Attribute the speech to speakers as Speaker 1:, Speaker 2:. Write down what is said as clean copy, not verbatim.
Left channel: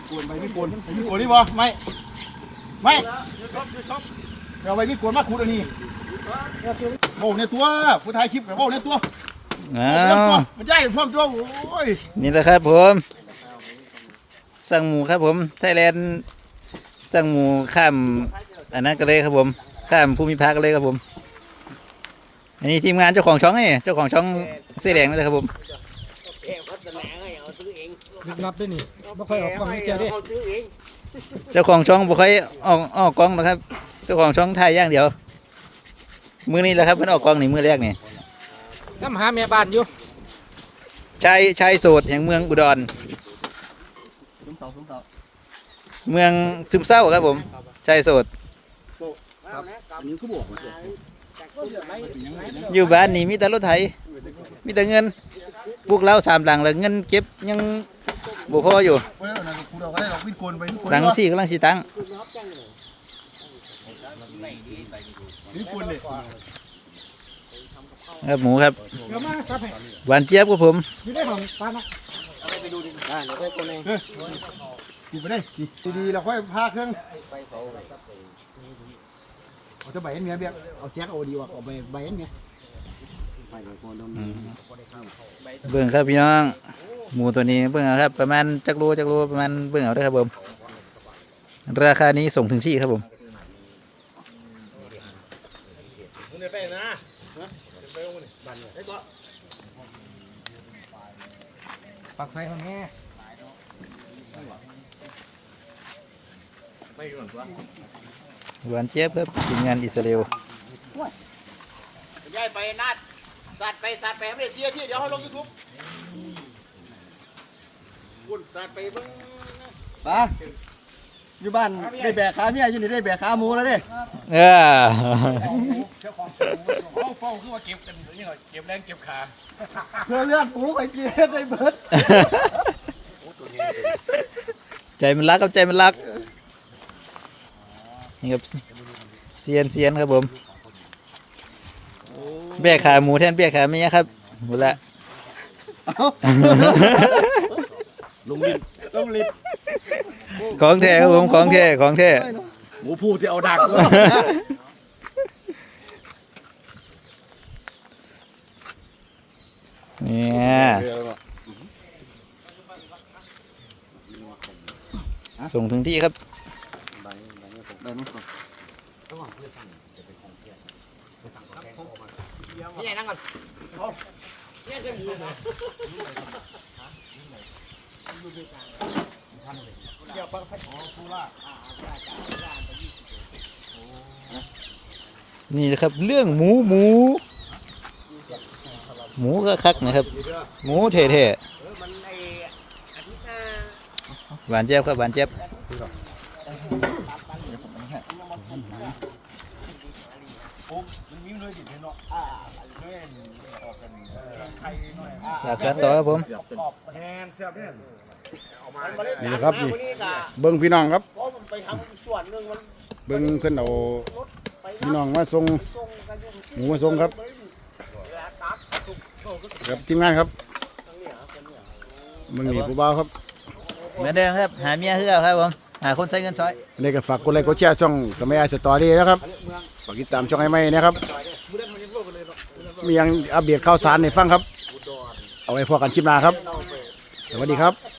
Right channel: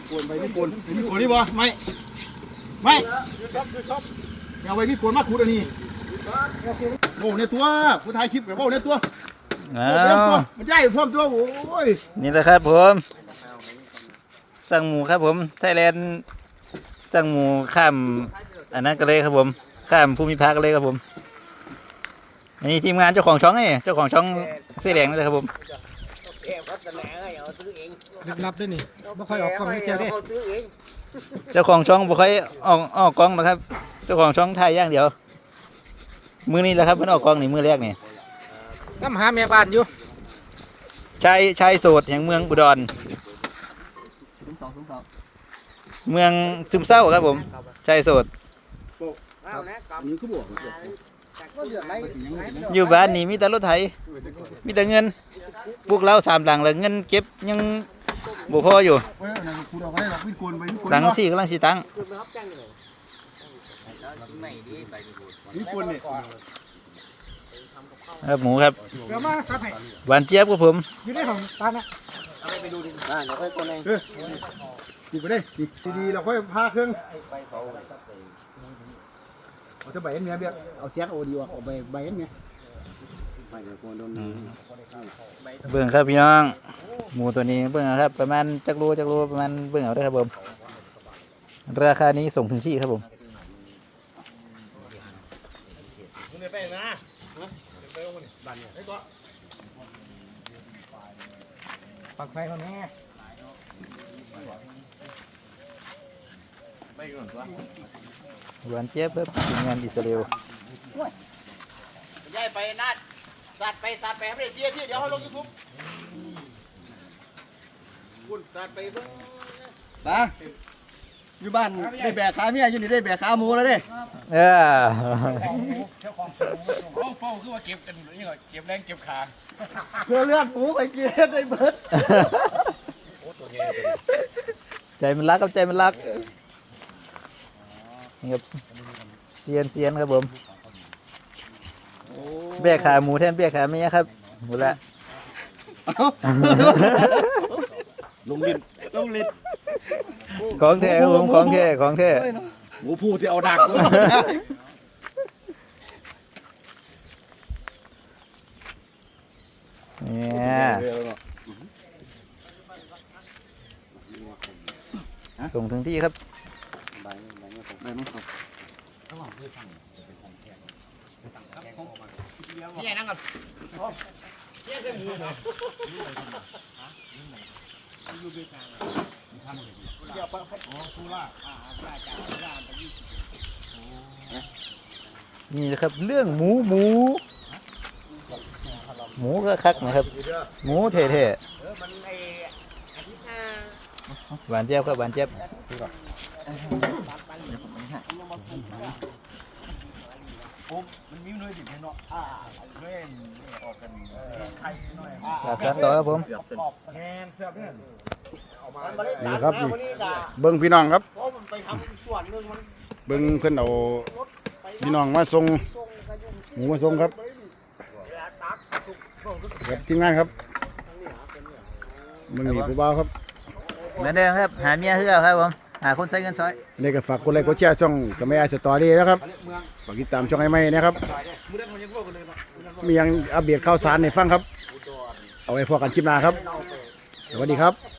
Speaker 1: กวนไปที่กวนนี่บ่ไม่เอาไปที่กวนมาขูดอันนี้โอ้เนี่ยตัวผู้ถ่ายคลิปกับโอ้เนี่ยตัวมันใหญ่พร้อมตัวโอ้ย
Speaker 2: นี่แหละครับผมสั่งหมูครับผมไทยแลนด์สั่งหมูข้ามอันนั้นก็เลยครับผมข้ามภูมิภาคเลยครับผมอันนี้ทีมงานเจ้าของช่องนี่เจ้าของช่องเสื้อแดงนี่แหละครับผม
Speaker 3: รับด้วยนี่ไม่ค่อยออกกล้องเจอได้
Speaker 2: เจ้าของช่องบ่ค่อยออกกล้องนะครับเจ้าของช่องถ่ายอย่างเดียวมือนี้แหละครับมันออกกล้องนี่มือแรกนี่
Speaker 3: น้ำหาแม่บ้านอยู่
Speaker 2: ชายโสดแห่งเมืองอุดรเมืองซึมเศร้าครับผมชายโสดอยู่บ้านนี่มีแต่รถไถมีแต่เงินพวกเรา3 หลังแล้วเงินเก็บยังบ่พออยู่หลัง4กำลังสิตั้งครับหมูครับหวานเจี๊ยบครับผม
Speaker 3: อยู่ในของตานะ
Speaker 1: ไปดูดิเราค่อยคนเองดีไปได้ดีเราค่อยพาเครื่องเอาจะใบเอ็นเมียเบี้ยเอาเสียกเอาดีว่ะเอาใบเอ็นเมีย
Speaker 2: เบิ่งครับพี่น้องหมูตัวนี้เบิ่งครับประมาณจักรประมาณเบิ่งเอาได้ครับผมราคานี้ส่งถึงที่ครับผม
Speaker 3: ปักไฟเขาแน่
Speaker 2: หวานเจี๊ยบครับทีมงานอิสราเอล
Speaker 1: ย้ายไปนัดสัตว์ไปให้ไม่ได้เสียที่เดี๋ยวเขาลงยูทูบคุณสัตว์ไปเบิ่ง
Speaker 4: ป้าอยู่บ้านได้แบกขาเมียอยู่นี่ได้แบกขาหมูแล้วเด้
Speaker 1: เป้าคือว่าเก็บกันนี่หน่อยเก็บแรงเก็บขา
Speaker 4: เพื่อเลือดหมูไปกินได้เบิด
Speaker 2: ใจมันรักครับใจมันรักนี่ครับเซียนครับผมเบี้ยขาหมูแทนเบี้ยขาเมียครับหมดละ
Speaker 4: ลงลิ้น
Speaker 2: ของแท้ครับผมของแท้
Speaker 4: หมูพูดที่เอาดัก
Speaker 2: เนี่ยส่งถึงที่ครับ
Speaker 1: นี่ไงนั่งก่อน
Speaker 2: นี่นะครับเรื่องหมูก็คักนะครับหมูเท่ๆหวานเจี๊ยบครับหวานเจี๊ยบจัดต่อครับผม
Speaker 1: นี่นะครับนี่เบิ้งพี่น้องครับเบิ้งเพื่อนเอาพี่น้องมาส่งหมูมาส่งครับครับทีมงานครับมึงหนีผู้บ่าวครับ
Speaker 2: เหมือนเดิมครับหาเมียเพื่อครับผมหาคนใช้เงินซอย
Speaker 1: นี่ก็ฝากกดไลค์กดแชร์ช่องสมัยไอสตอรี่นะครับฝากติดตามช่องไอ้ไม้นะครับมียังอัปเดตข่าวสารในฟังครับเอาไว้พอกันคลิปหน้าครับสวัสดีครับ